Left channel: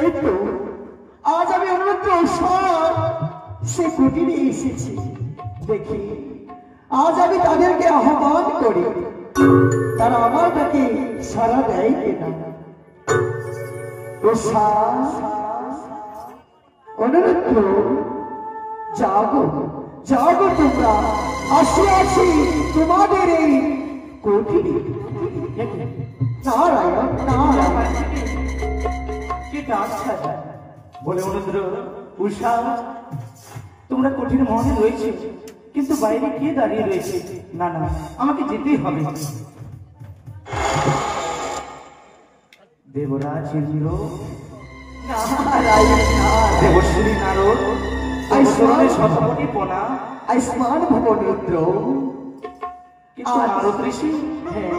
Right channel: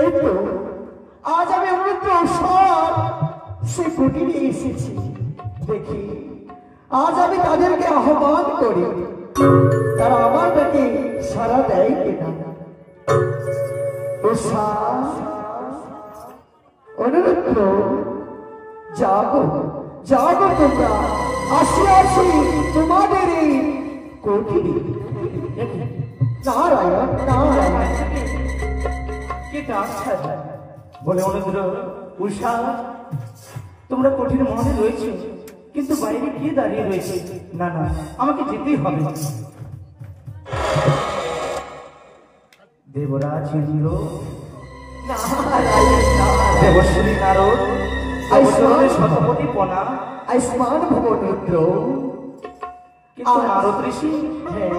এই তো আজ আমি অনুরুদ্ধ উষার সে কুটিরে এসেছি। দেখি আজ আমি তাদেরকে আহ্বান করি, তারা আমার ডাকে সাড়া দেয় কিনা। উষা, অনুরুদ্ধ, জাগো জাগো, তোমরা আসিয়াছি তোমাদের এই কুটিরে। নারায়ণ নারায়ণ কি ডাকছে বলে অনুদ্র, উষা তোমরা কঠিন মনে রয়েছে, কিন্তু বাইরে কে দাঁড়িয়ে রয়েছে? না না, আমাকে যেতেই হবে। দেবরাজ ইন্দ্র, দেবশ্রী নারদ, শতকোটি পনা আয়ুষ্মান ভবন রুদ্র। কিন্তু নারদ ঋষি, হ্যাঁ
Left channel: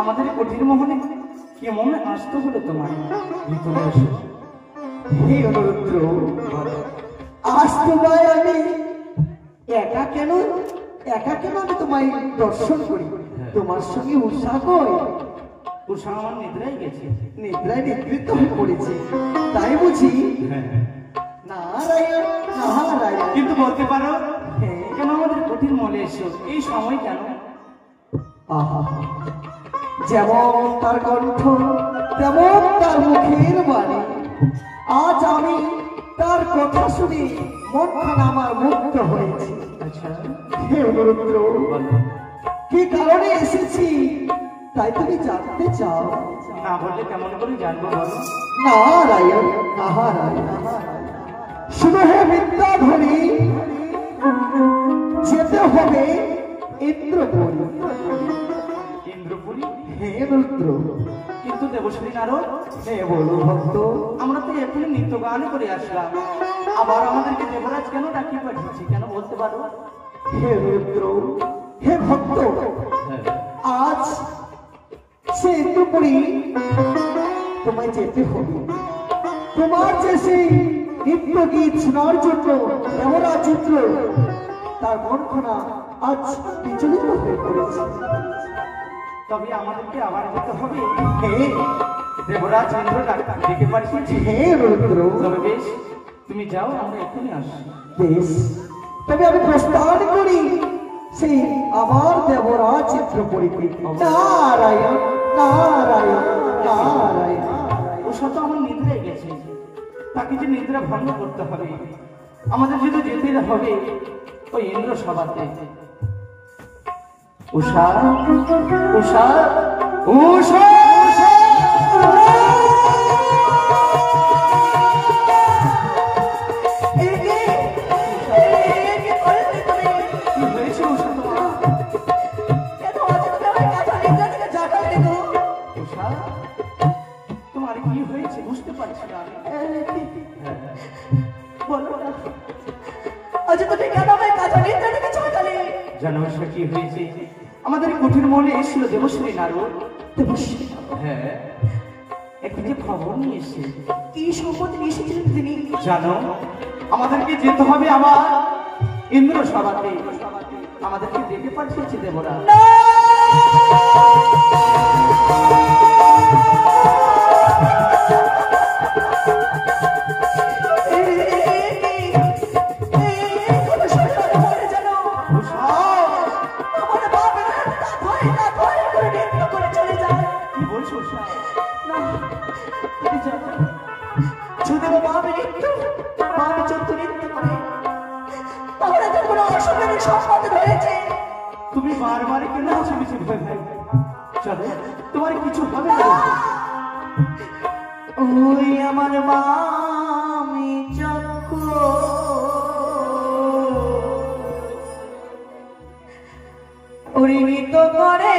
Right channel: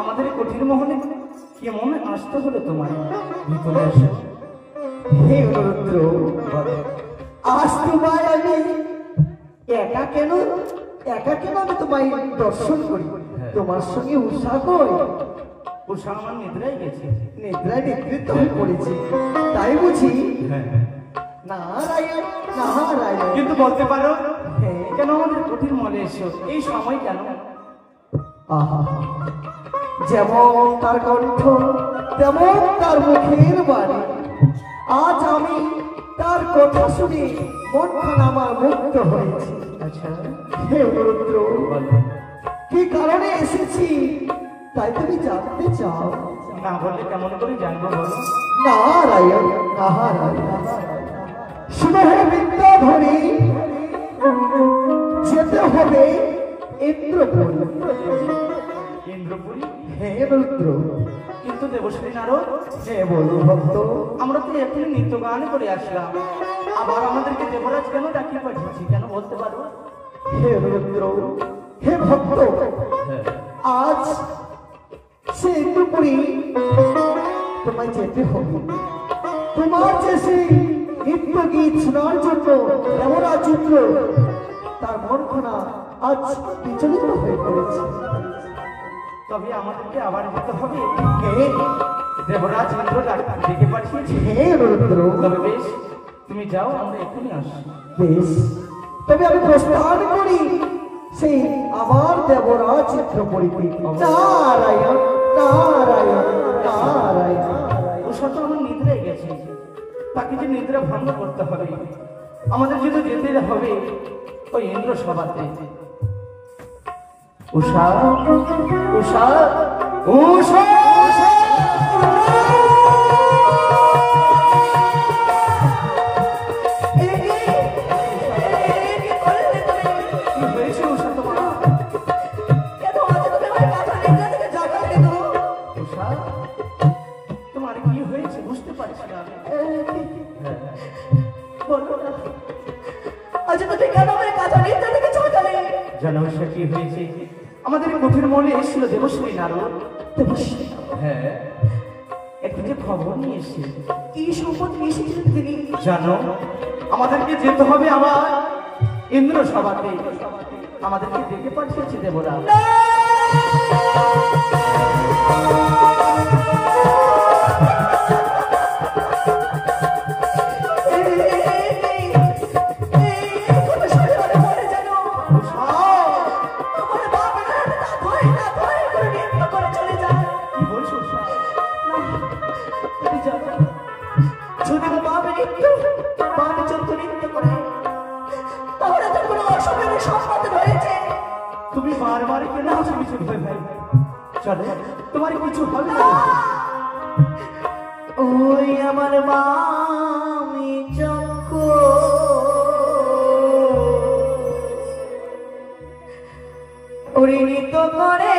আমাদের কঠিন মোহনে কেমন আসতে হলো তোমার? ভিতরে এসো। হে অনুরুদ্র, আজ তোমায় আমি একা কেন আমি তোমায় দর্শন করি? তোমার সঙ্গে উষা কই? উষা আমার নিদ্রায় গেছে। নিদ্রায় নিদ্রিত হয়ে পড়েছি, তাই বুঝি? নারায়ণ নারায়ণ। কিন্তু বলতে পারো কেন আমাদের কঠিন মনে এসো এই সময় কেন? আহা, যেমন তার কণ্ঠ তেমন তার মুখের বাণী। আজ আমি তার কথা শুনে মনখানা আমার মুক্ত হয়েছে। হে অনুরুদ্ধ, কি কারণে এসেছি তাই তুমি জানতে চাও? না বললে কেমন করে জানবো বলো? নারায়ণ নারায়ণ। শুনে হে বিদ্যাধরী, যেতে হবে ইন্দ্রপুরী। ইন্দ্রপুরী? হে রুদ্র। কিন্তু দেবশ্রী নারদ, হে বলো ভক্ত, আমরা তো এখনই নৃত্য গান করে আসলাম, আবার আমাদেরকে দেবরাজ কেন ডাকিয়ে পাঠিয়েছি কেন বলতে পারো? হে রুদ্র, হে ভক্ত, আজ সে ইন্দ্রপুরী তোমায় যেতে হবে। তোমার যে সেই নৃত্য গীত শোনার জন্য দেবরাজ ইন্দ্র তার মনখানা আজ বিচলিত হয়ে পড়েছে। তবে আমাদেরকে আবার যেতে হবে। হে দেবরাজ ইন্দ্র ডেকে পাঠিয়েছি। হে রুদ্র, তবে বেশ, তুমি যাও, আমরা এখনই আসি। বেশ, তবে আমি প্রস্থান করি সেই আবার দেবরাজ ইন্দ্রপুরীতে। নারায়ণ নারায়ণ নারায়ণ। উষা তো আমার নিদ্রায় গেছে, তাকে যে নিদ্রা ভঙ্গ করতে হবে। আমাদের যদি যেতে হবে ওই ইন্দ্র সভাতে। উষা উষা উষা কি হয়েছে? আমাদের কঠিন মনে এসেছিল দেবশ্রী নারদ। হ্যাঁ, একটি খবর নিয়ে এসে। কি সম্পদ নিয়ে এসেছিলেন তিনি? জানো, আমাদেরকে যেতে হবে আবার ইন্দ্র সভাতে। আমাদেরকে ডেকে পাঠিয়েছে দেবরা। তুমি বারবার কেন হাসি ভাই? চলো, তোমার কিছু হবে না। ওই আমার মামি চক্র পরিণত করে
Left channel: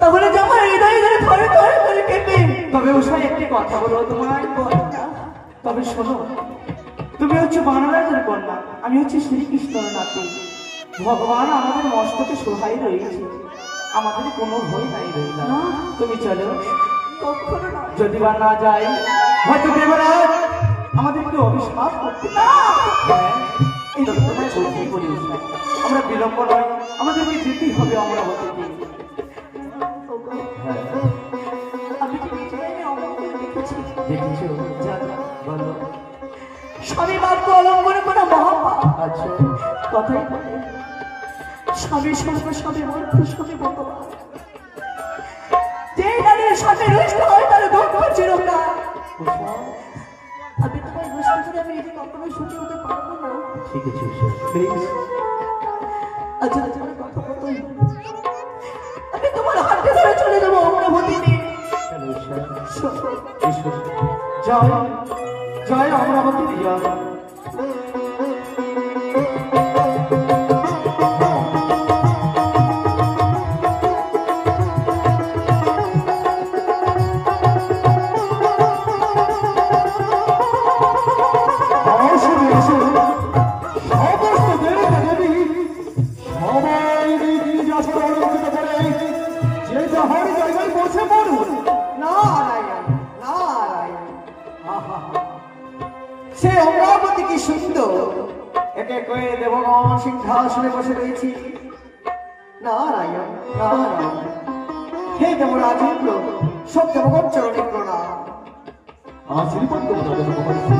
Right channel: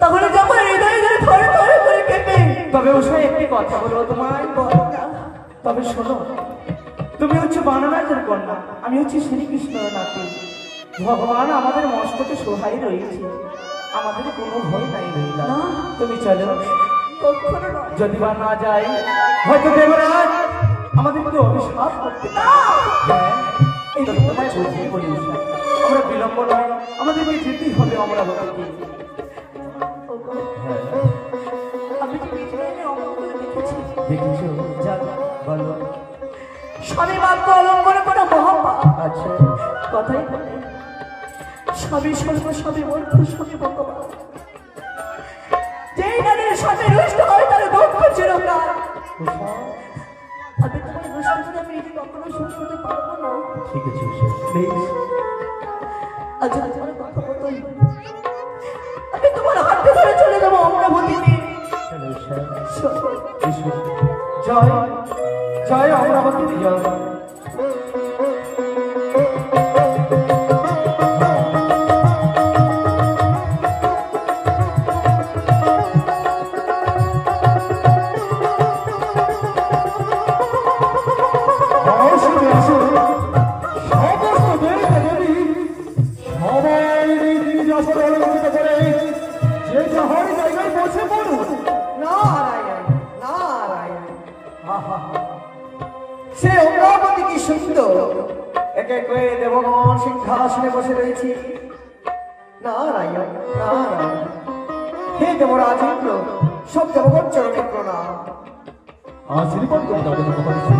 তাহলে যখন হৃদয় ধরে থরে থরে করে কেঁপে, তবে উষা একটি কথা বলবো তোমায়, তবে শোনো, তুমি হচ্ছে বানরাজের কন্যা, আমি হচ্ছে শ্রীকৃষ্ণের নাতি। ভগবান আমাদের মস্তকে সহায় রয়েছে, আমাদের কোনো ভয় নাই রইল। তুমি চলো, কখনো না। যদি বা না যাই, হয়তো দেবরাজ আমাদেরকে অভিশাপ করতে পারে। এই তো তোমায় বলি উষা, আমরা বিলম্ব নয়, আমাদেরকে যেতেই হবে অমরাবতীতে। আমি তো নিজে অমঙ্গল দেখেছি। দেখেছো? যা বলো। স্বামী বাক্য অলঙ্ঘন করে মহাপাপ। আচ্ছা, কথাই বলে স্বামী স্বর্গ, স্বামী মূর্খ, স্বামী ভগবান। যে নারীর সাথে রুষ্ট হবে তার দুঃখ চিরকাল। আমি তোমার রুষ্ট করে আমি এই কখনো সুখী হতে পারবো না। ঠিক আছে উষা, প্লিজ। আচ্ছা তোমার কথা বলতে আমি তোমার হাতে ধরে চলে যাবো অমরাবতীতে। চলো উষা, এসো। জয় জয় অমরাবতীতে জয়। সে অমরাবতী কি সুন্দর, একে কয়ে দেবগণ সিংহাসনে বসে রয়েছি। নারায়ণ নারায়ণ, হে দেবরাজ ইন্দ্র, সব দেবগণ চরণে প্রণাম। আশীর্বাদ করে দাও মহর্ষি।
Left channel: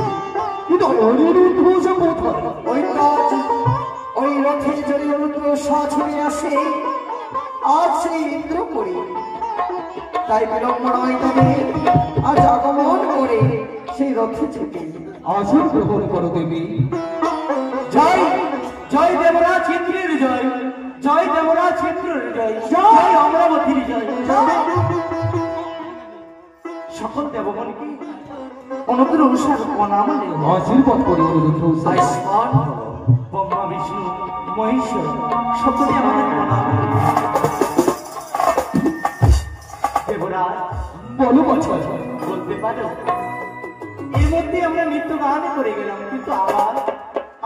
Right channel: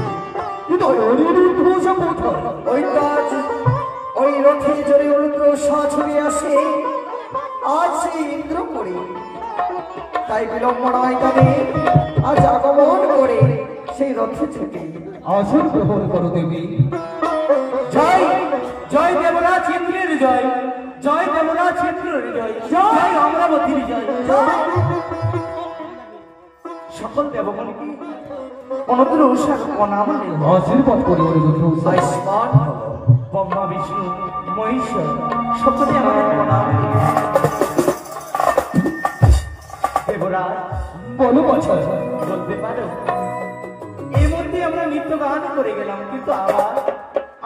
হৃদয় ওই কাজ ওই রথে জড়ে রুদ্র ছড়ে আসে, আজ সেই ইন্দ্র করি, তাই বিলম্ব নয় তাদের আজ আগমন করে সেই রথে ছুটে। আসন গ্রহণ করো দেবী। জয় জয় দেবরাজ ইন্দ্রের জয়, জয় দেবরাজ ইন্দ্রের জয়, জয় অমরাবতীর জয়। সকল দেবগণকে অনুগ্র উষার প্রণাম। আশীর্বাদ করে আয়ুষ্মান ভব। ব্রহ্মা বিষ্ণু মহেশ্বর সকলে আমাদের প্রণাম। দেবরাজ বলো বাছা, বলতে পারো, এর মধ্যে আমরা নৃত্য গান করে গেলাম, কিন্তু আবার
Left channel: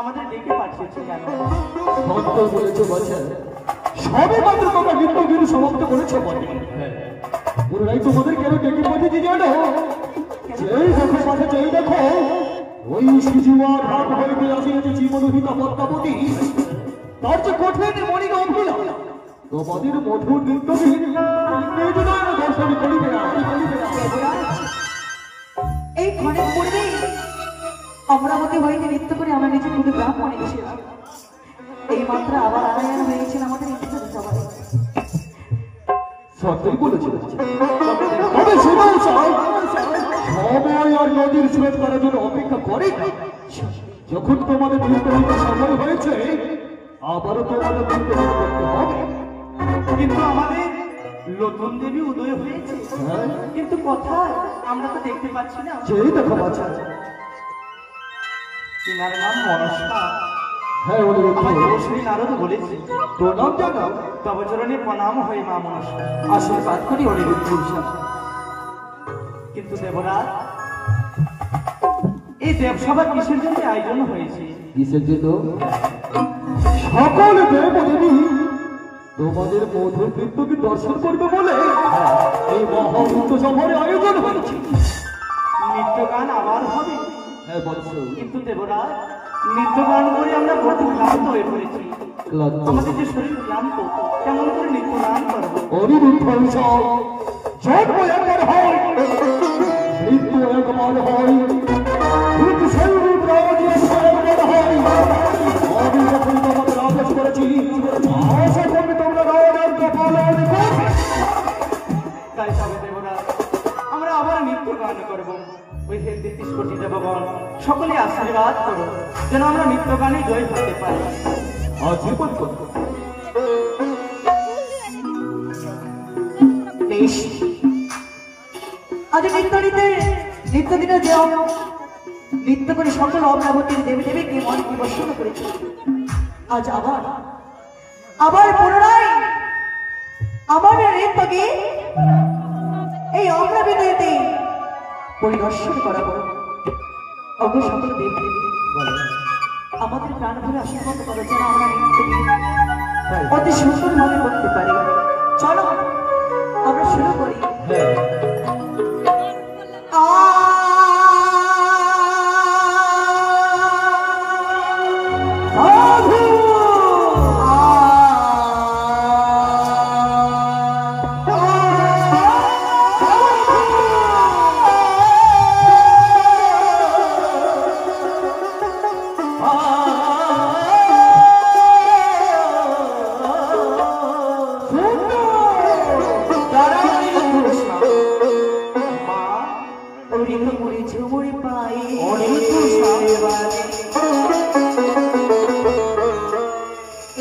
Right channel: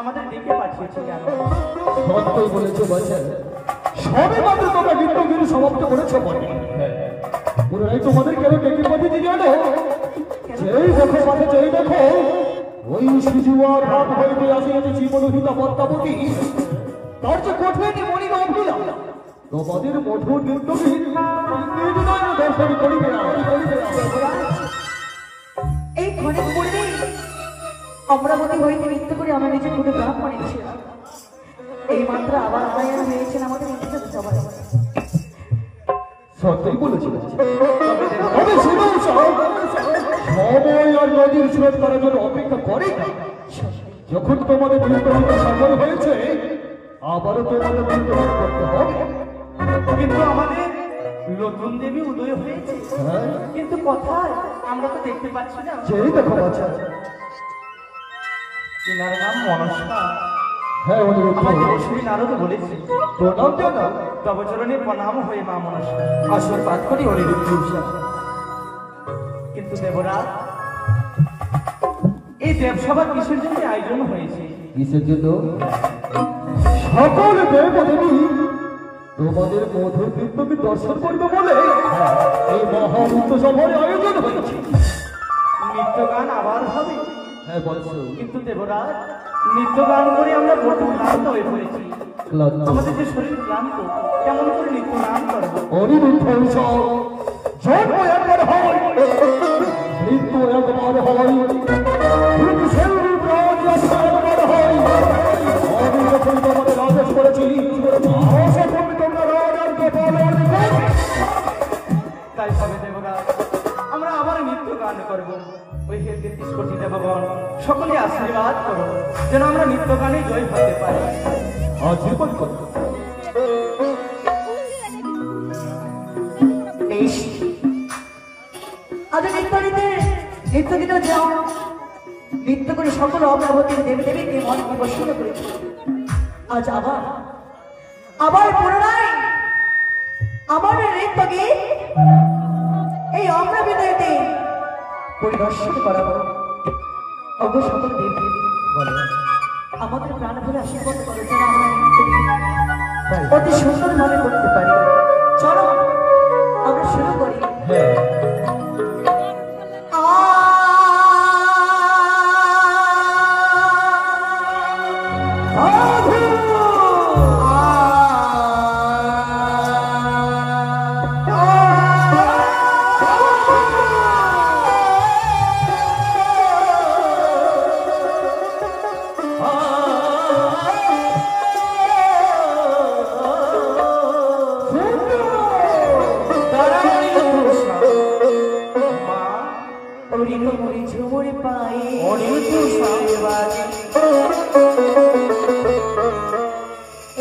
আমাদের ডেকে পাঠিয়েছে কেন? সত্য বলেছো বাছা, সবে মাত্র তোমরা নৃত্যগিরি সমাপ্ত করেছো বটে, ওরাই তোমাদের কেন ডেকে পাঠিয়ে দিয়ে যাবে না? যেই দেখো মাঠে যেই দেখো ওই সিজুয়ার ভাব হইতে আসিয়াছে জীবনহিতা পদ্মাবতী, তার যে কঠিন মণি গম্ভীরা তোমাদের মধুর নিত্যহীন দর্শন করিবে না। এই ক্ষণে পূর্বে অমরাবতী হইতে নৃত্য করে আমরা নিজে খুঁড়ে ব্রাহ্মণ এসেছিলাম। এই মাত্র আবার আনায়ান হয়েছেন আমাদের নৃত্য সবাই। সত্যই বলেছিল। তবে শুনেও চাই সময় আর নদীর স্রোত করার জন্য অপেক্ষা করে। যখন তোমাদের নির্বাহিত সময় হয়েছে আবারও তোমাদের নির্বাহিত করতে হবে। কিন্তু আমাদের নতুন দেবী উদয় হয়েছে, কিন্তু কোথায় আমরা তো দেখতে পাচ্ছি না। যেই দেখো বাচ্চা। এনার নাম মনসা। হ্যাঁ অনুরোধ আমাকে অশ্বিনী নারদ বলেছে প্রণাম জানাও। তব চরণে প্রণাম হয়ে মা মনসা আশীর্বাদ করি অনিরুদ্ধ উৎসব। কিন্তু দেবরাজ, এই দেবসভা কিসের জন্য আয়োজন হয়েছে? কিসের জন্য? সকল দেবদেবী তোমাদের মধুর নৃত্যকে দর্শন করবে বলে এই মহামূর্ত সভার আয়োজন হয়েছে। নৃত্য গান আবার হবে। হ্যাঁ বৎস। কিন্তু দেবরাজ, নৃত্য গান করে আমরা বহু ক্লান্ত হয়ে পড়েছি। ক্লান্ত। আমাদের যে শরীর ক্লান্ত, কেমন করে নৃত্য গান করবো? অনিরুদ্ধ উৎসব জন্ম একবার হয়, মৃত্যু একবার হয়, কিন্তু সেই রূপ রাজনীতি একবার হয়। আমি যখন তোমাদের আদেশ করেছি আশা করবে তোমরা রাজাকে পালন করবে। তাই হবে দেবরাজ, আমরা আবার নৃত্য গান করবো। ওই হে 33 কোটি দেবগণ সকলে আশীর্বাদ করো যেন আমরা নৃত্য গানে জয় হতে পারি। আশীর্বাদ করো। বেশ, আজ নৃত্য দিনে যাও নৃত্য করে সকল অমরাবতীর দেবী দেবীকে মনে বসিত করেছে। আজ আবার পুনরায় আমার নৃত্যকে এই অমরাবতীতে পরিদর্শন করাবো। অন্য সকল দেবী দেবী আমাদের প্রাণ ভরে আশীর্বাদ করো যেন আমরা নৃত্যকে অতি সুন্দর ভাবে করতে পারি। চলো আমরা শুরু করি।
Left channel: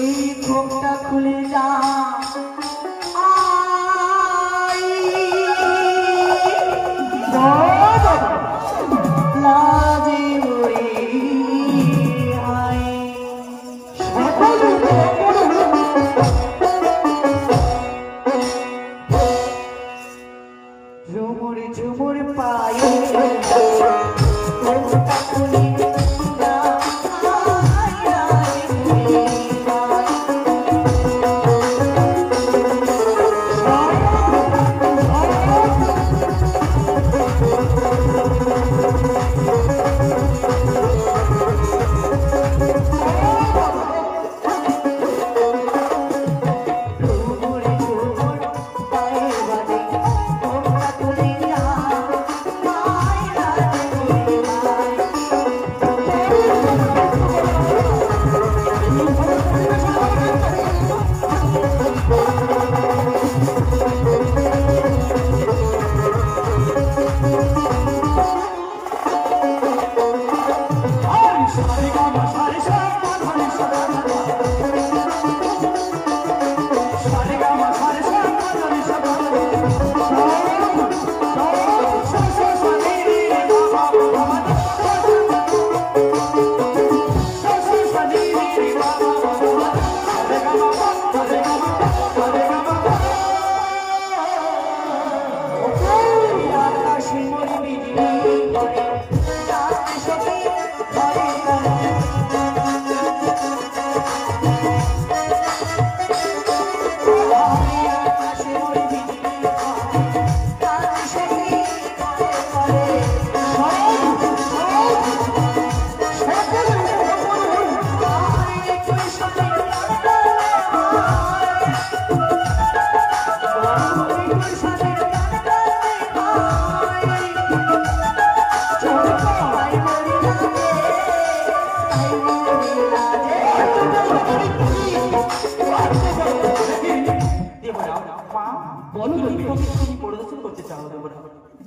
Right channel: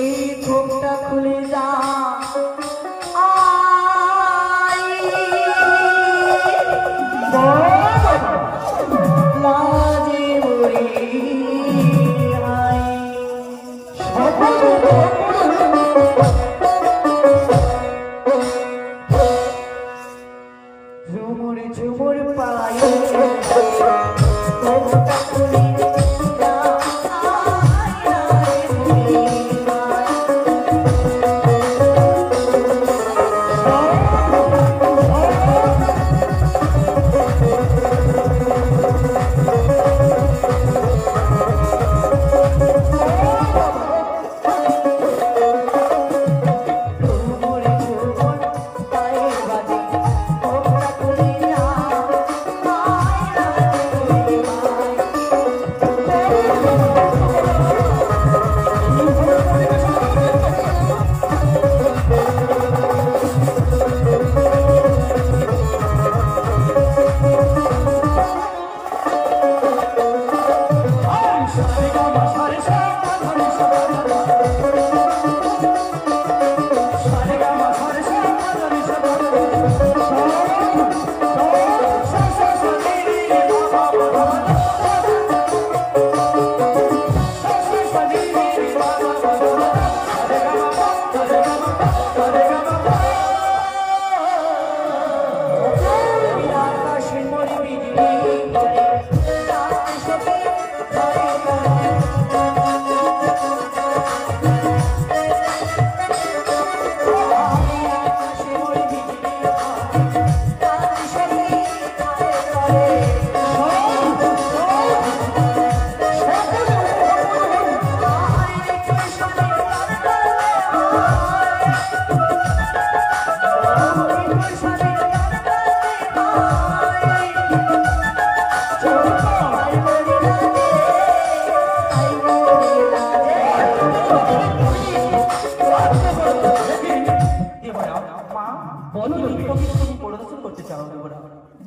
এই ঘোমটা খুলে যা লাজে মরে ঝুমুর ঝুমুর পায়ে ঘোমটা খুলে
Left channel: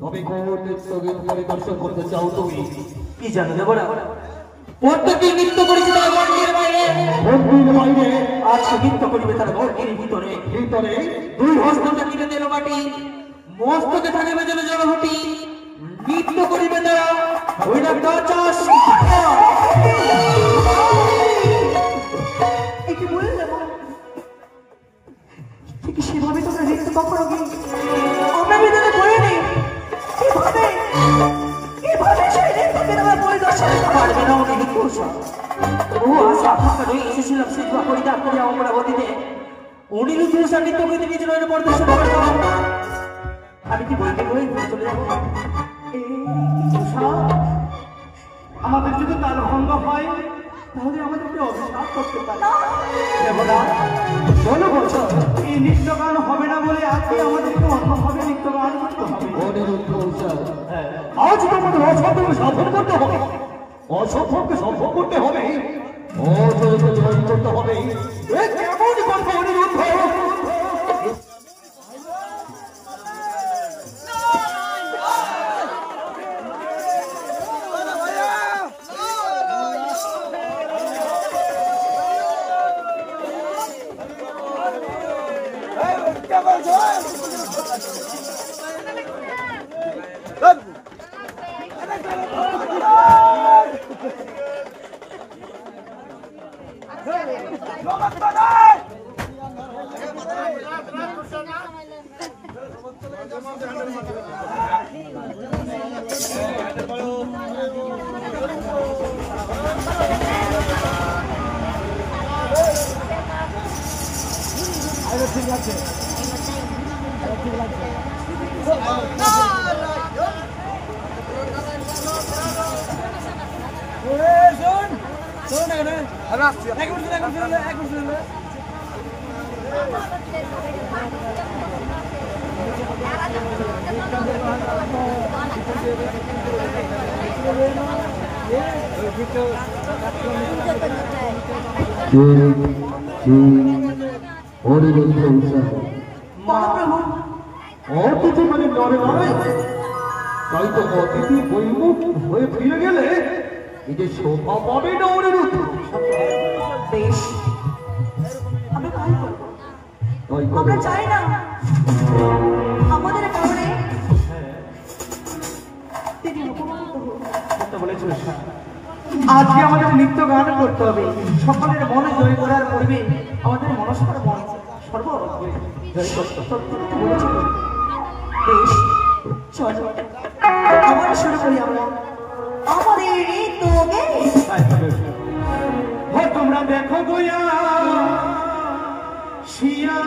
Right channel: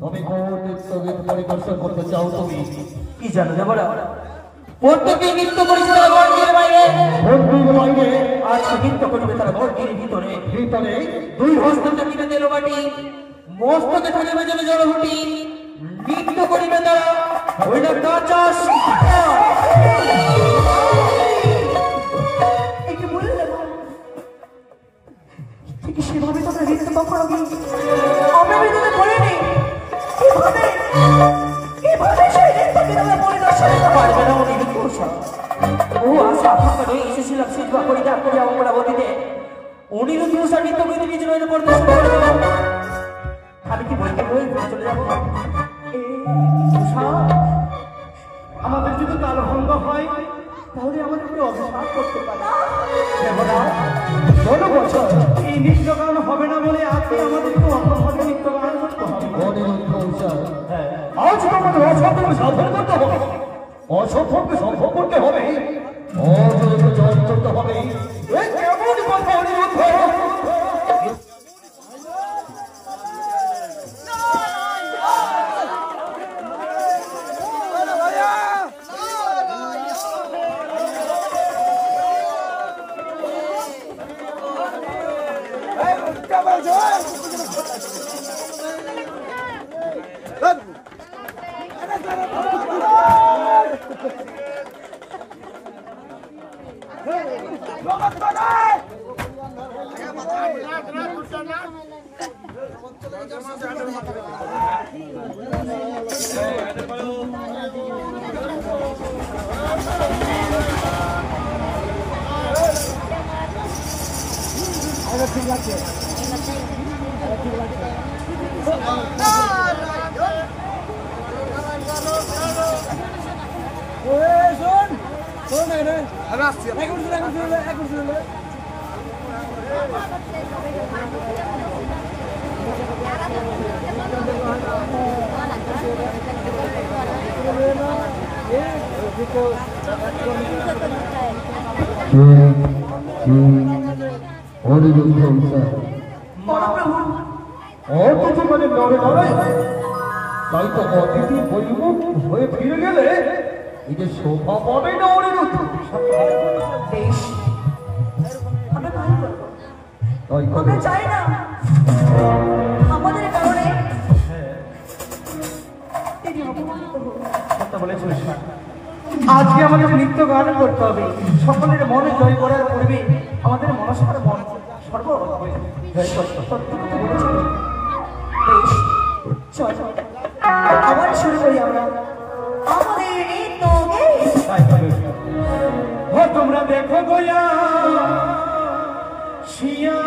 তবে কোন নৃত্যগীত পরিদর্শন করতে চাও তুমি? কি জানো দেবরা, প্রত্যেকে নৃত্য করেছে তারা গড়গির বাইরে, বন্ধুর বাইরে আজকে নৃত্য করবে তারা গড়গির ভিতরে। ভিতরে দুই হস্ত থাকিবে তেল বাটি, মস্তকে থাকিবে জলে জলঘটি, নৃত্য করিবে তারা ওইটা নাচস। একে বলে দেবো ঠিক সেভাবে তোমরা নৃত্য করাবে। আমরা বিনোদন করে নেই কিভাবে কিভাবে সেই নৃত্যকে তোমার পরিদর্শন পারবে না উনি নৃত্য। ও আশা আপনাকে রয়ে এসেছিলাম সেই পরিদান করে অমরাবতীতে অনিরুদ্ধ নৃত্য করে নিজের প্রদর্শন করবো। আমি কি বলতে বলে চলে যাবো? আমাদের যদি তাল ভঙ্গ হয় তাহলে আমাদেরকে অভিশাপ করতে পারে। বলো বলছো এই নৃত্য গান হবে না বলে আজকে আমাদেরকে অন্যভাবে নৃত্য গান করতে হবে। অনিরুদ্ধ উৎসব আজ তোমাদের অসম্ভব সাধন করতে হবে, অসম্ভবকে সম্ভব করতে হবে, অজয়কে জয় করতে হবে। এ কেমন কথা অনিরুদ্ধ? অনিরুদ্ধ উৎসব অতিথি মানে নরে নয়, তাই তো অতিথি বৈমুখ হয়ে ফিরে গেলে এই যে শোভা পাবে না অনিরুদ্ধ। বেশ আমরা তাই করবো। তাই আমরা করো। চাই না আমাদের কারণে তিনি অপমানিত হোক। কথা বলেছো। আজকে আমাদের নৃত্য গান করতে হবে, সকলের মনে জয় করার পূর্বে আমাদের মনসার মন সর্বভাবে জয় করতে হবে। বেশ চল আবার শুরু করি আমরা আমাদের নৃত্য ও তোমরা দেখো গোয়া শিয়া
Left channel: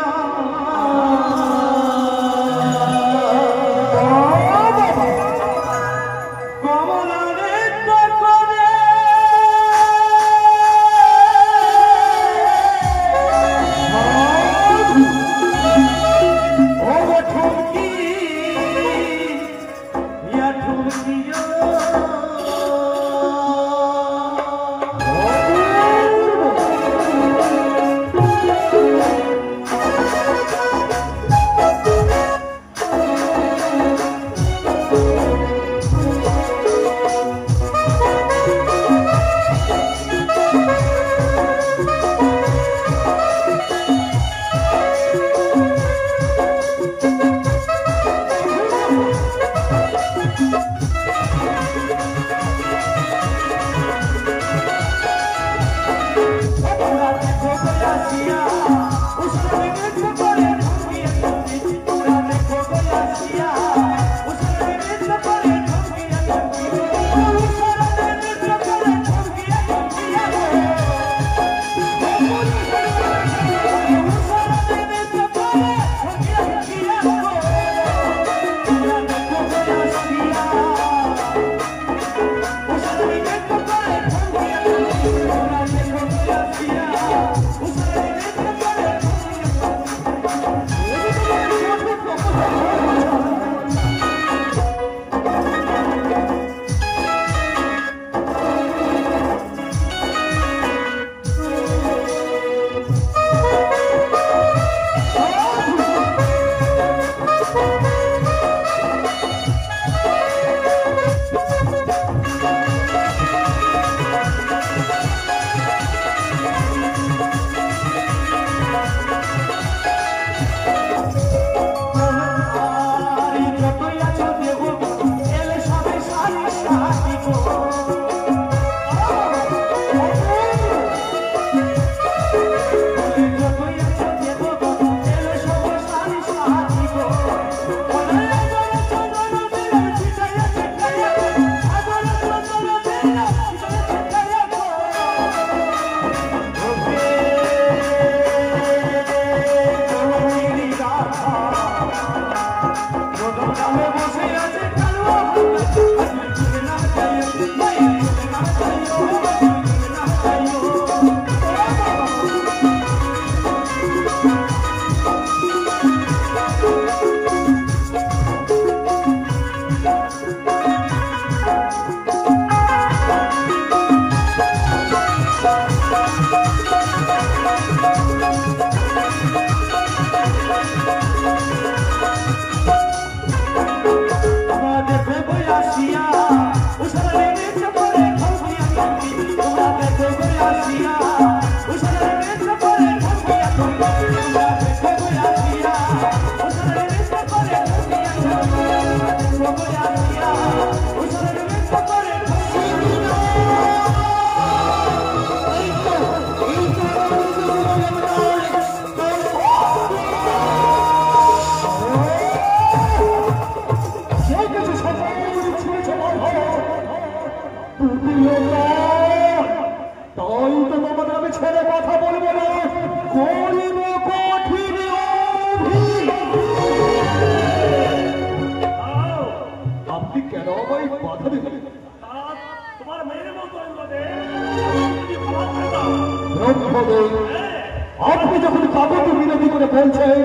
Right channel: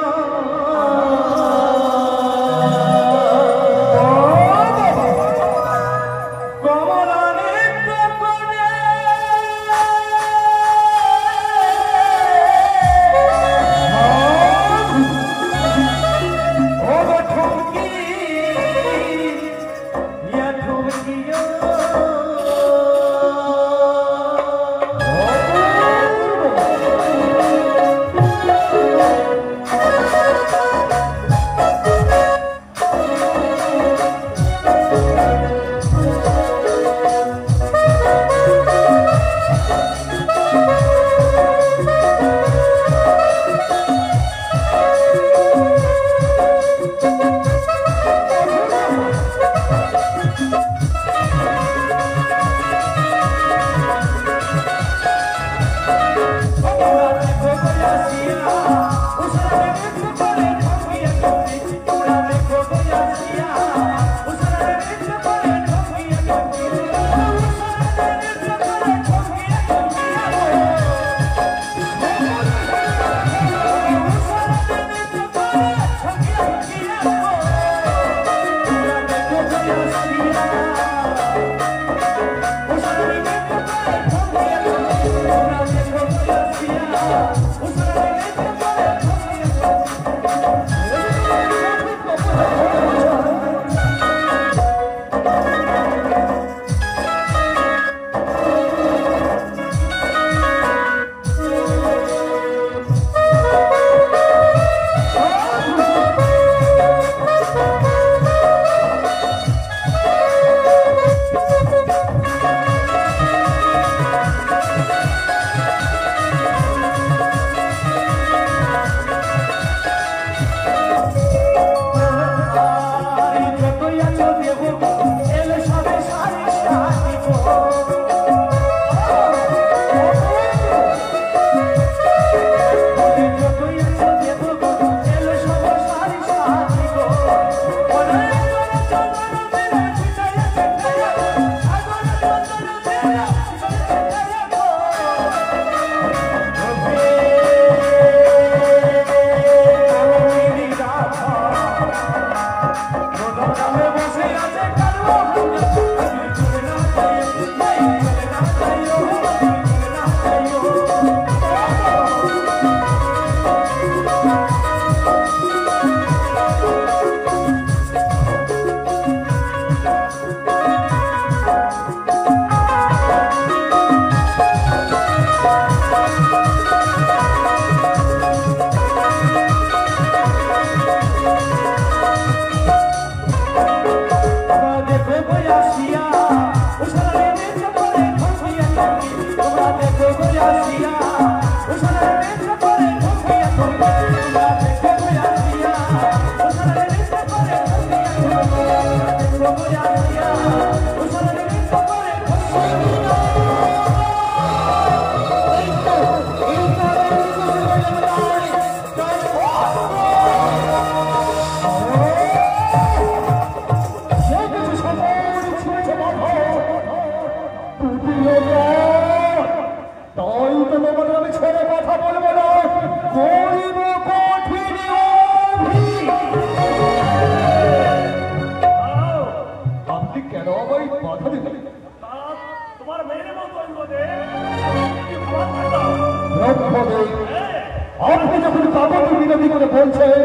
আপনি যখন কাগজ বিরোধী করে বলছেন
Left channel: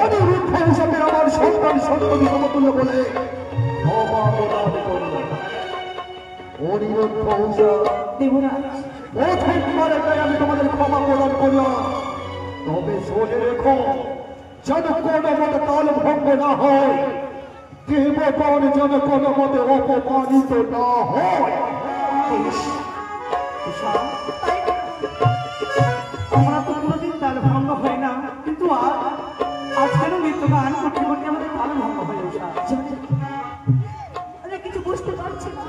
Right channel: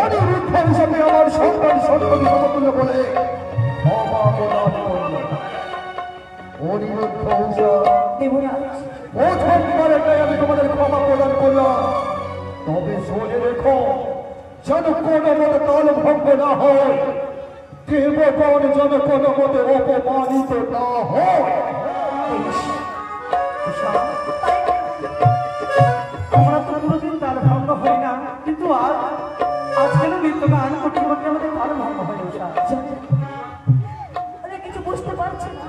অনিরুদ্ধ হিসেবে আমার সন্তান সন্ততি সমতুল্য বলে অনিরুদ্ধ প্রথমবারে আমি তোমাদের ক্ষমা প্রদান করলাম, তবে শুনে রেখো যেন কোনো মতে তাল ভঙ্গ না হয়, দেবগণ যেন কোনো মতে অপমানিত না হয়। আমরা তো কোনোদিন তার ভঙ্গ হয় না, কিন্তু আজ কেন নৃত্যগান করতে করতে আমাদের তার ভঙ্গ হয়ে কিছু বুঝতে পারছি না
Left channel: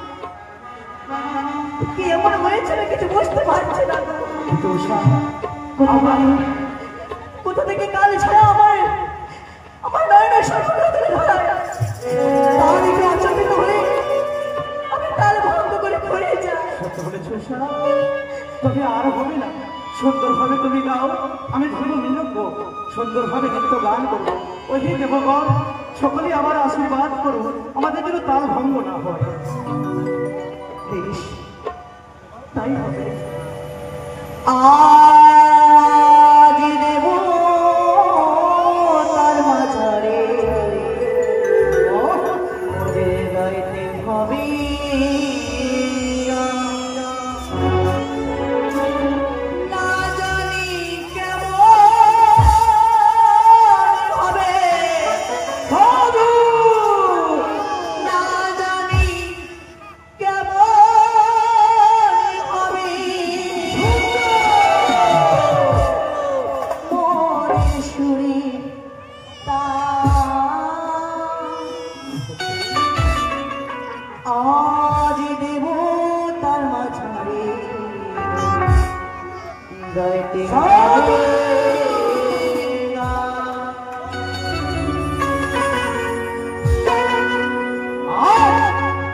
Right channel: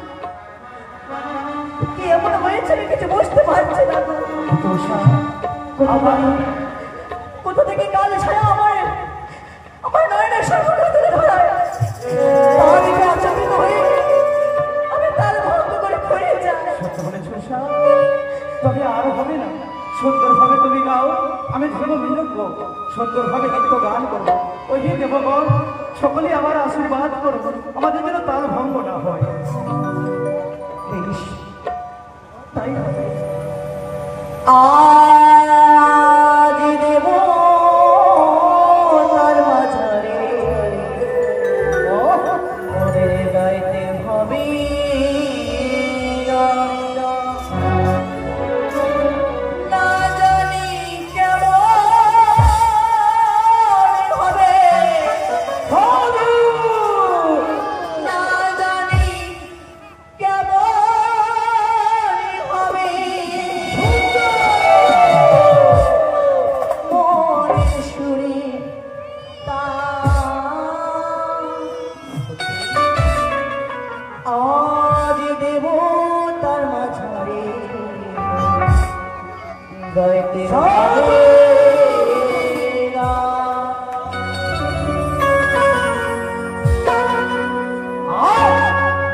কি এমন হয়েছে, কিছু বুঝতে পারছি না। কোথা থেকে কাল ছাড়া আমার নয়নের সরকার তুলে ধরায় আমি তার ভঙ্গ করে হয়ে যাই। তবে আর হবে না, সুন্দরভাবে তুমি গাও, আমি ধর্ম মিলব, সুন্দরভাবে গীত গান করবো। ওই দেবগণ সকলেই আমার আশীর্বাদ করব, আমাদের যেন তার ভঙ্গ না হয়। তাই হবে। আজ দেব তার মাঝারে ওদের গাইতে হবে না জানি কেমন হবে, না জানি কেমন হবে মনের সুরে আজ দেব তার মাঝারে গাইতে হবে না।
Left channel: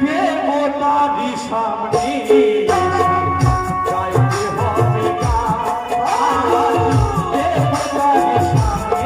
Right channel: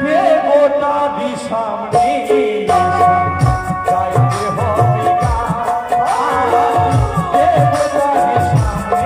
দেবতা বিষামে গাইতে হবে গান, দেবতা বিষামে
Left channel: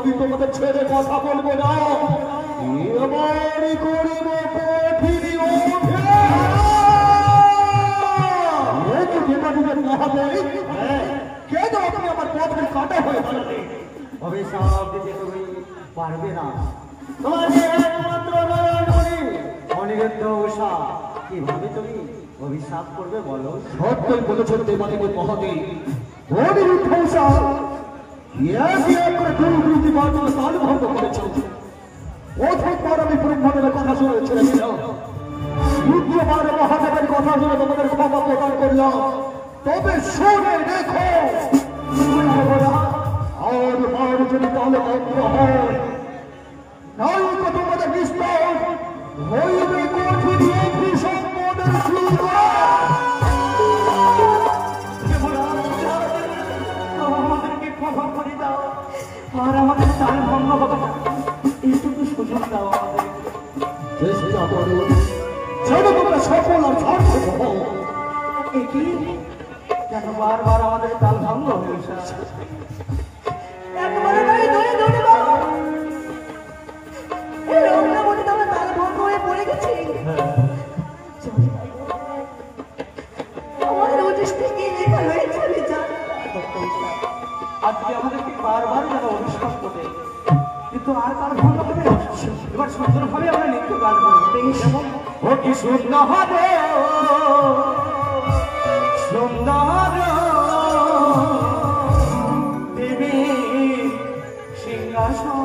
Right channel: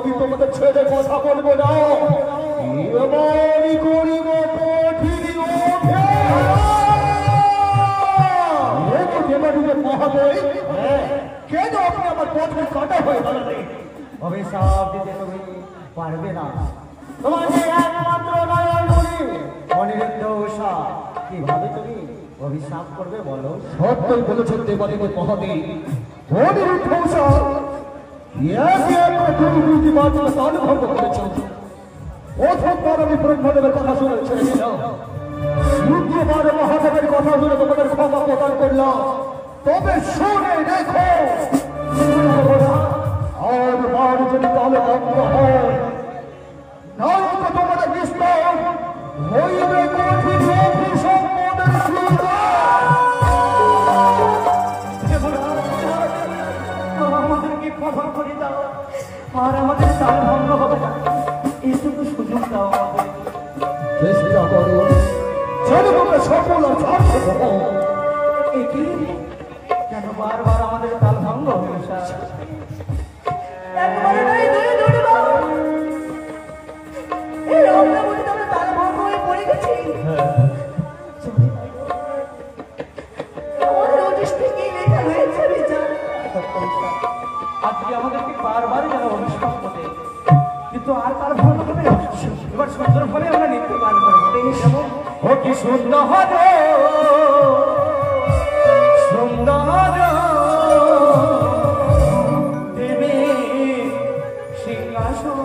আমি তোমাদের ছেড়ে কথা বলবো না, এবারই করিব কেন আপনি আমার পথে কাটা হয়ে দাঁড়ালে অভিশাপ দিতে তুমি পারবে না। তোমাকে একমাত্র নয়ন মনি বীরেন্দ্র উষা কিভাবে তুমি অভিশাপ করবে বলো? সত্যই বলেছেন দেবাদিদেব মহাদেব, ও বীরেন্দ্র উষা দুর্নীতি বাড়িয়ে তাল ভঙ্গ করেছ। অথবা আমি ব্রহ্মাণ্ডের কথা শুনে ছেড়ে দিলাম, দ্বিতীয়বার মহাদেবের কথা শুনে তোমাদের ক্ষমা প্রদান করলাম। তবে শুনে দেখো, আর বার যদি তাহলে ভঙ্গ হয়, নাই তো তোমাদের বিস্তার হইবে কঠিন অভিশাপ মনের সুরা। আমাদেরকে ক্ষমা করে দাও, আর আমাদের তাল ভঙ্গ হবে না, এইটুকু সুযোগ দাও আমাদের। চেষ্টা করো যেন তোমরা সফল আর সার্থক হও। একই কেন বারবার আমাদের তাল ভঙ্গ হয়ে আসে? একবারে নয়, দুই দুইবার। এই আমরা মনে তো আমরা তাল ভঙ্গ হয়ে পড়ে গেছি। আমাদের নোটিশ থেকে লেখা হয়েছে আমি জানি। আজকে আমাদেরকে বারবার যেন অভিশাপ করে, কিন্তু আর কারো ভুল হবে না। এবার সুন্দরভাবে আমরা নৃত্য গান করবো, যেমন ও কি সুন্দর হবে সুন্দর দেবী সিংহাসন।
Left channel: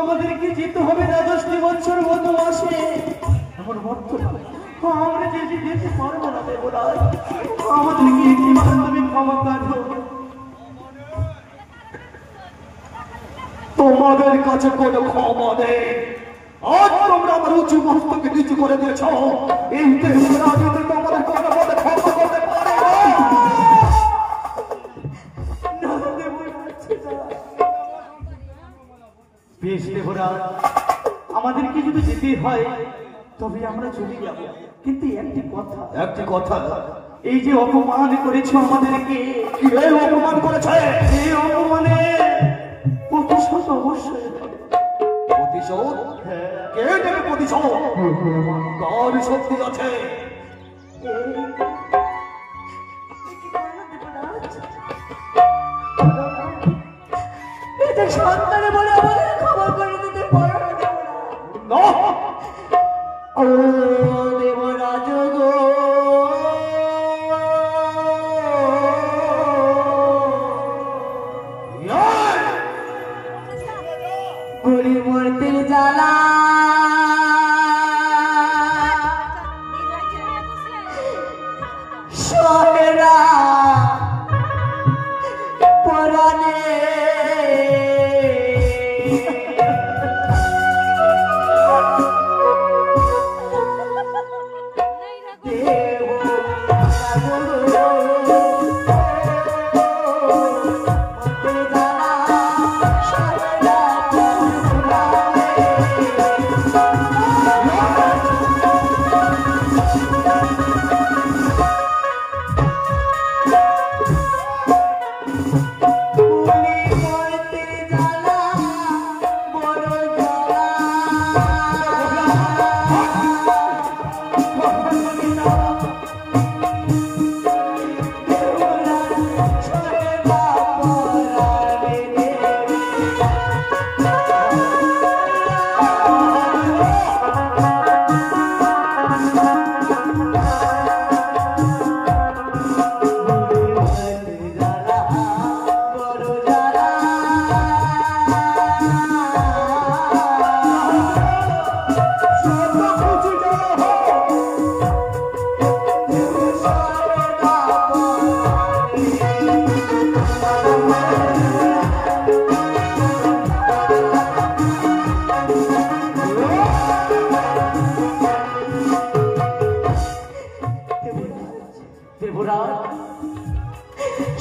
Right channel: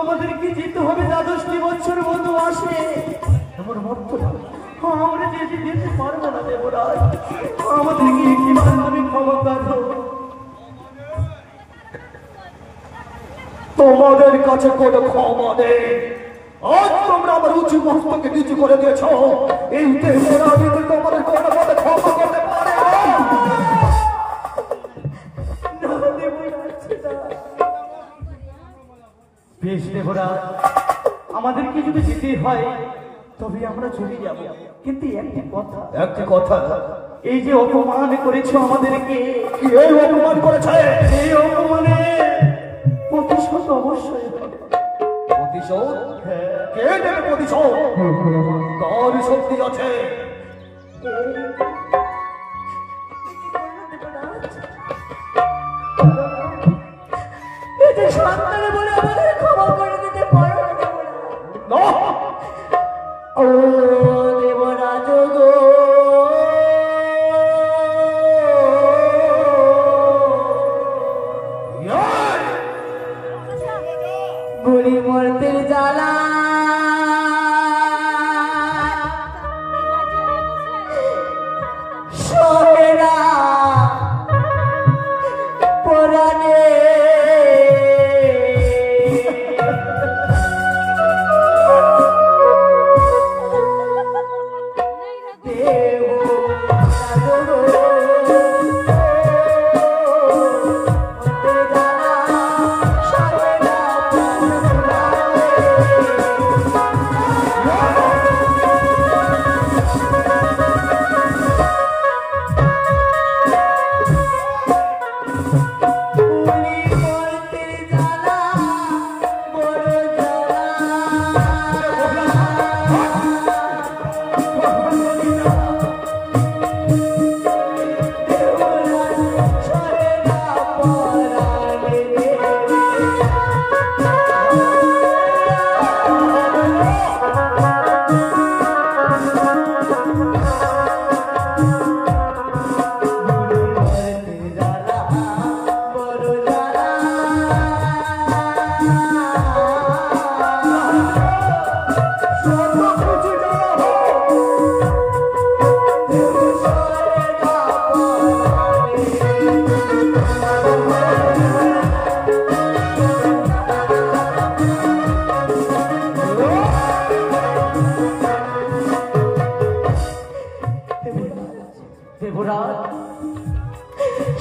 আমাদেরকে যেতে হবে দ্বাদশটি বছর মতো আসে। আমরা যেতে পারবো না দেবরাজ, আমাদেরকে একটিবার তুমি ক্ষমা করো। তোমাদের কাছে কোনো ক্ষমা নেই। আজ তোমরা আমার উঁচু মস্তকে নিচু করে দিয়েছ, এই দেবরাজ তোমাদের কোনো মতে ক্ষমা করতে পারে না। বেশ দেবরাজ, আমাদেরকে যদি যেতে হয় তবে আমরা চলে যাব, কিন্তু একটি কথা, এই যে অপমান করেছো আমাদেরকে, এই অপমান করেছে, এই অপমানে প্রতিশোধ অবশ্যই হবে। প্রতিশোধ? কে দেবে প্রতিশোধ? তার শক্তি আছে। সন্তানে বলে আমাদের ক্ষমা করে দিতে পারো না, ও দেবরাজ গো, বুড়ি মরতে জ্বালা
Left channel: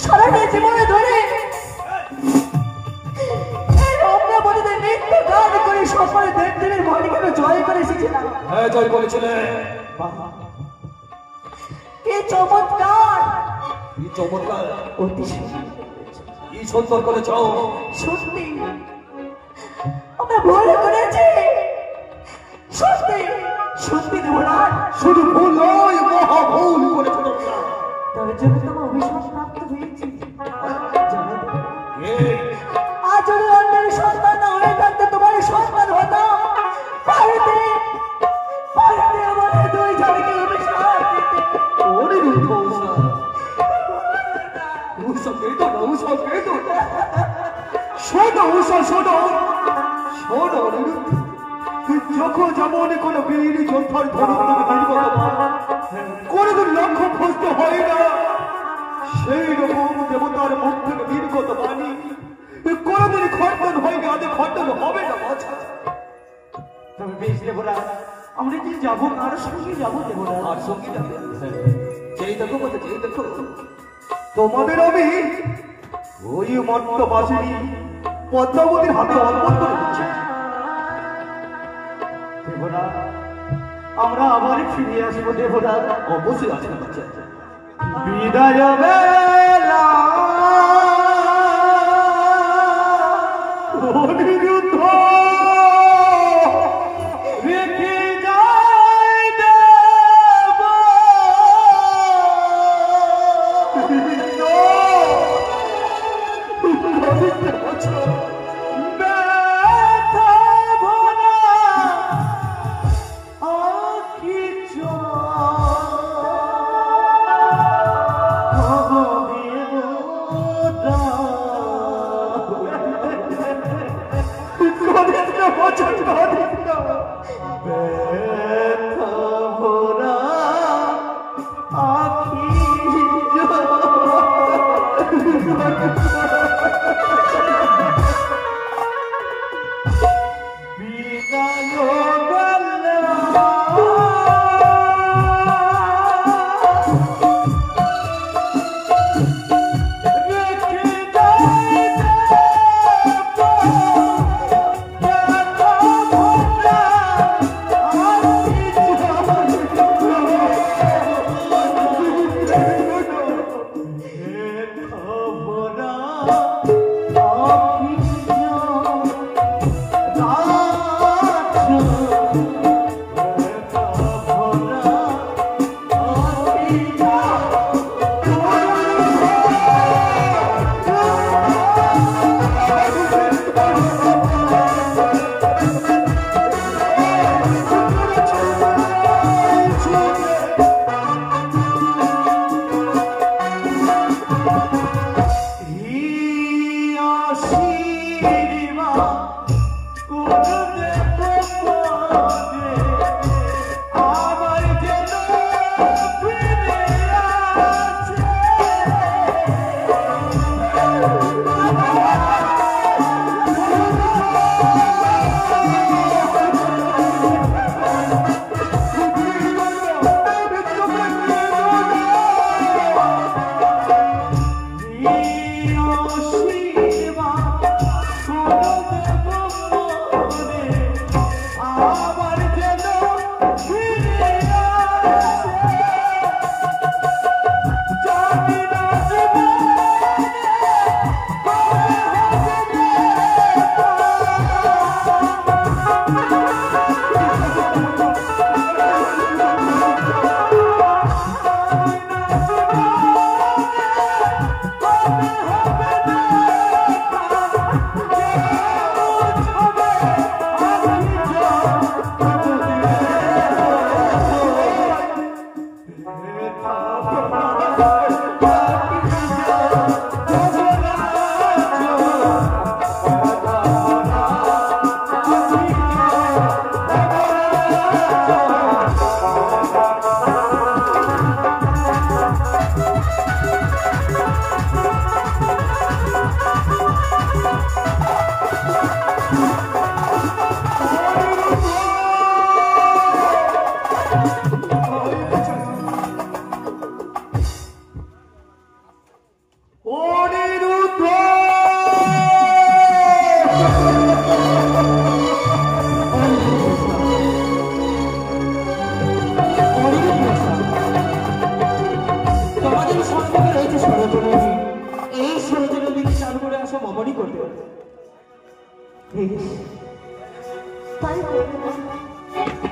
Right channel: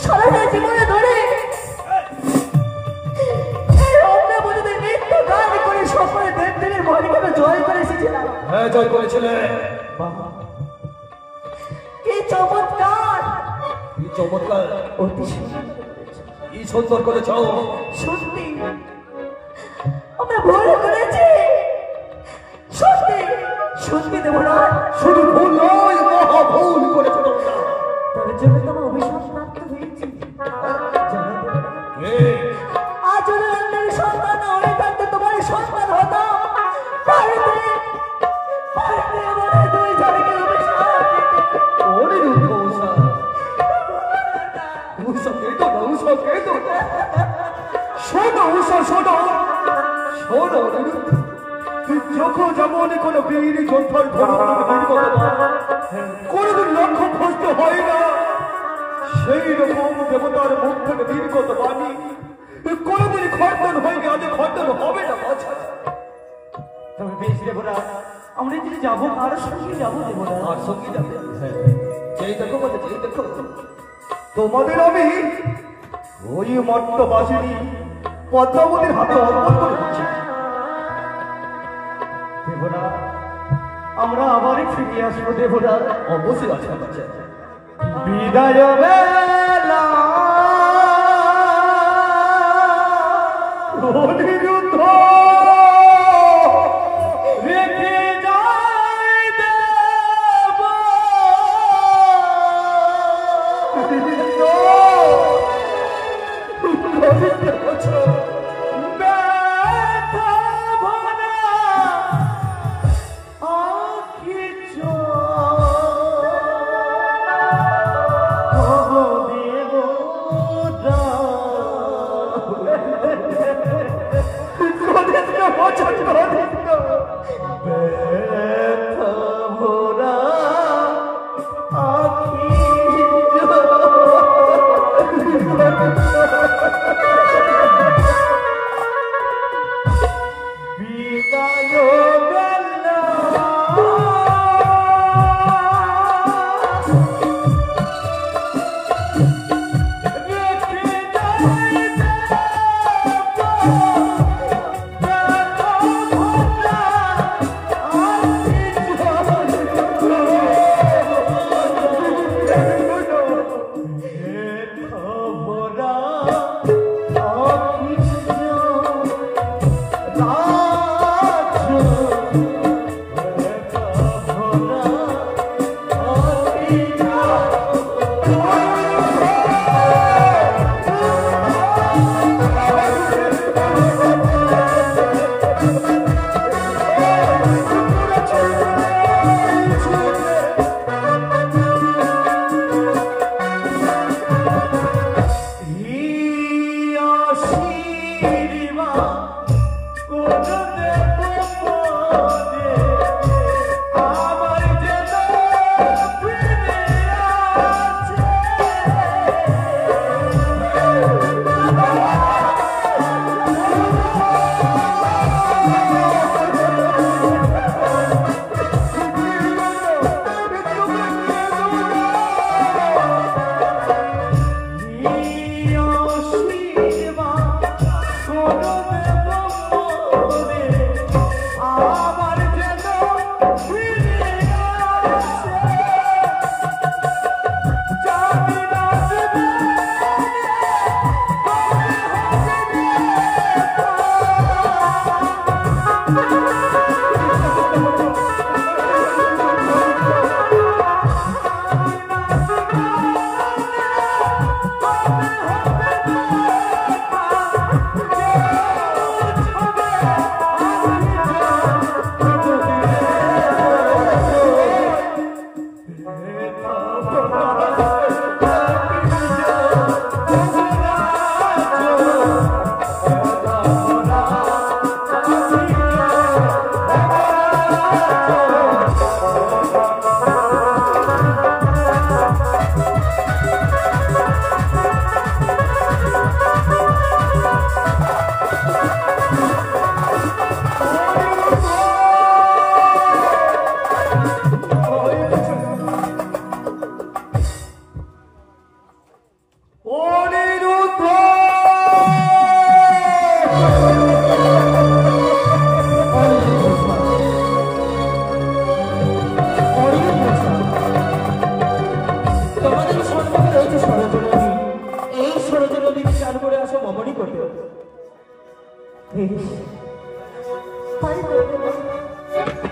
সারাটা জীবনে ধরে গান করে সকলে দেবদেবীর মহিমাকে জয় করে এসেছিলাম। হ্যাঁ জয় করেছিলে। কি চমৎকার, কি চমৎকার, অতি সুন্দর, কি সুন্দর করেছ। সত্যি আমরা ভুল করেছি, সত্যি সত্যি দেবরাজ, শুধু ভুল নয়, মহা ভুল করেছ তোমরা। তার জন্য তোমার অভিশাপ প্রাপ্ত হয়েছি। জানো আজ যদি অন্যের সন্তান না হয়ে থাকতে তোমার সন্তান হতাম, বাড়িতে বাড়িতে আমাদের দুই জনকে অভিশাপ দিতে। ওরে রূপসা, রূপসা কেটো না, রূপসা কেটো। শোনো রূপসা, শোনো শোনো, যখন যেমন কোনো বীর যোদ্ধার কোনদিন লক্ষ্য খুঁজতে হয় না, সেই রকম দেবতার মুখ থেকে নির্গত বাণী কোনদিন খণ্ডন হয়নি, আজ খণ্ডন হবে না। তবে বেশ দেবরাজ, আমরা যদি যাবো কার সঙ্গে যাবো দেবরাজ? আর সঙ্গে যাবে, যেই দেখো বলে, যেই দেখো তোমাদের আমি ওই মর্তবাসিনী পদ্মাবতীর হাতে অর্পণ করে দিচ্ছি। দেবরাজ, আমরা আবারই ফিরে আসবো দেবরাজ। অবশ্যই আছে, আছে। বিদায় বেলা অনিরুদ্ধ রেখে যায় দেব, ব্যথা ভরা আঁখি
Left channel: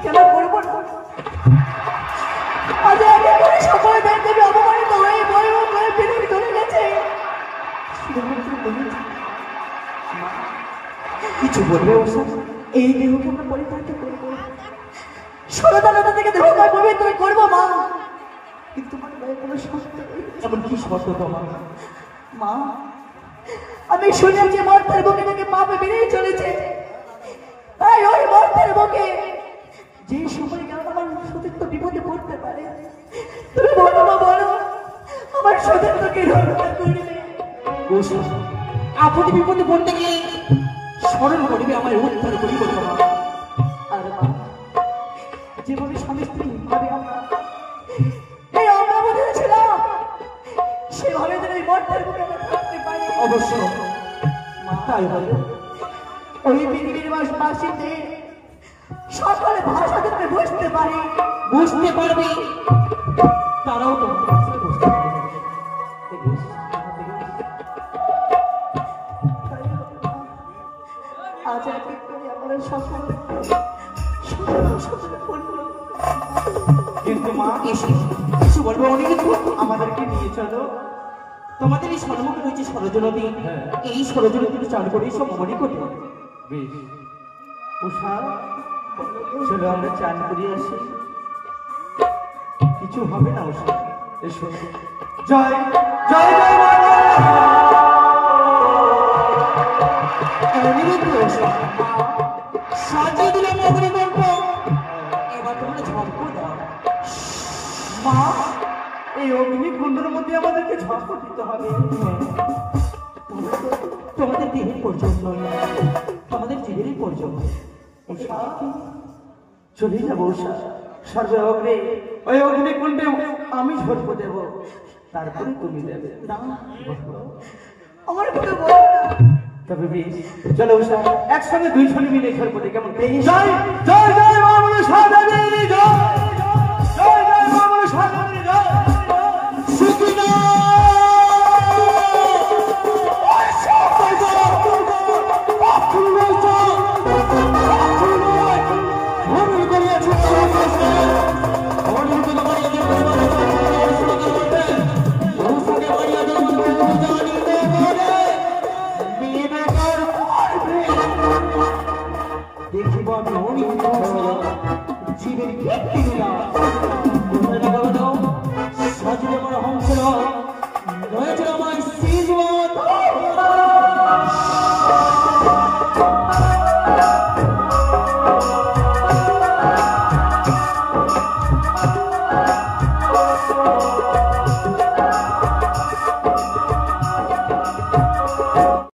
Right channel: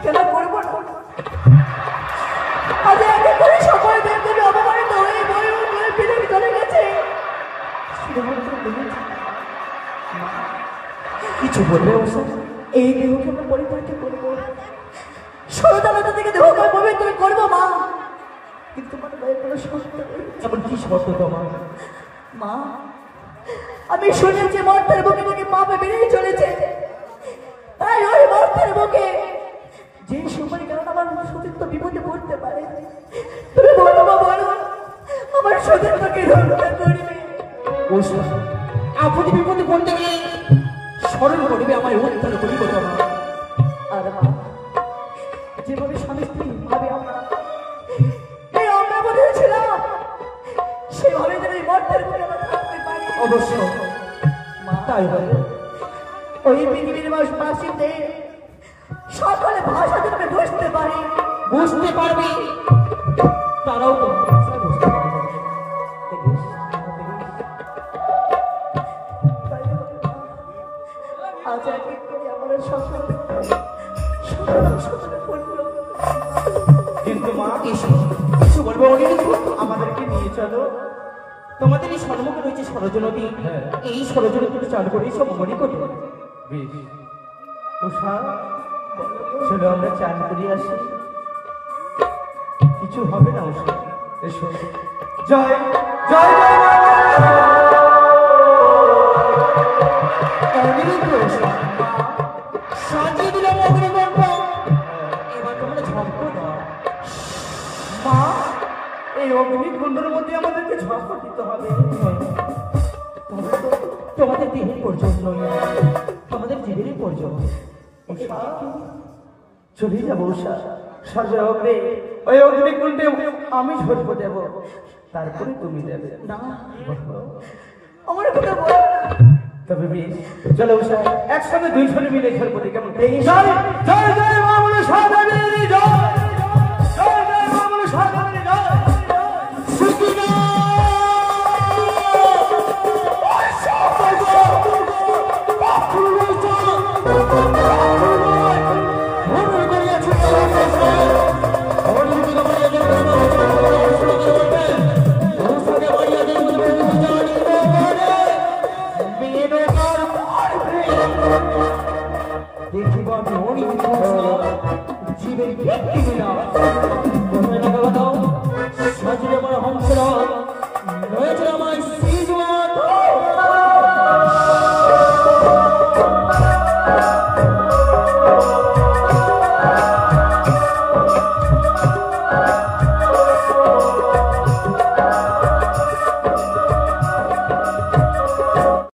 কেন করবো না? আজ আমি করে সকলে বের দেবে অপমানিত হয়ে বই বই পৃথিবী চলে গেছে। শুধুমাত্র বলেছি কিছু বলবে ওষা? এই দেহকে আমরা পরিবর্তন করবো, সরদালতা থেকে দেহকে পবিত্র করবো মা। কিন্তু তোমার গায়ে কোনো শর্ত নেই। এমন কি শর্ত তোমার? মা, আমি শুনেছি মর্তের বুকে নাকি পাপে বেড়েই চলেছে। তাই ওই মর্তের বুকে যে সময় কারণ আমার সতীর্থ বিপদে পড়তে পারে, তুমি বলো মা, বলো আমার সতীর্থকে রক্ষা করবে। ওষা, আপনি বিপদে পড়তে গেলে স্মরণ করবে আমায় উদ্ধার করিব তোমার। আর মা, যেভাবে স্বামী স্ত্রী ভাবে আমরা এই আমরা বলেছিলাম, সেভাবে যেন এই মর্তের বুকে আমরা থাকতে পারি। অবশ্য মা, তাই বলে ওই পৃথিবীর বাসীদের সকলে ভাষা তুমি বুঝতে পারি, বুঝতে পারবি, তারাও তোমার কাছে বুঝতে পারবে। আজ এক এক করে আমরা সকলে কিন্তু মা এসে কিছু বলবো অনিরুদ্ধ, আমাদেরকে নিয়ে চলো। তোমাদের এই সম্মুখে রয়েছে সরজনদী, এই সরজনদীতে চান করে সব মনে করতে হবে। বেশ উষা, চলো আমরা চান করে আসি। কিছু হবে না উষা, এসো। জয় জয় জয় মা। অনিরুদ্ধ এসে সাজিয়ে দিলাম অগ্নিকল্প, এবার তোমরা ঝম্প দাও। মা, এই অগ্নিকুণ্ডের মধ্যে আমাদেরকে ঝড় দিতে হবে। তোমাদের দেহের পর্যন্ত তোমাদের জীবনের পর্যন্ত উষা, চলে যাবো উষা। সর্বে অগ্রে ওই অগ্নিকুণ্ডে আমি ঝরবো দেব, তারপরে তুমি দেবে। আমার কথা বলো না। তবে বেশ, চলো উষা, একসঙ্গে দুই জন মিলে খেলবো। কেমন? জয় জয় জয় মা মনসা দেবী, জয় জয় জয় মা মনসা দেবী, জয় সুখিনা দেখিব আমি অনেক জীবের ব্যক্তি নিলাম।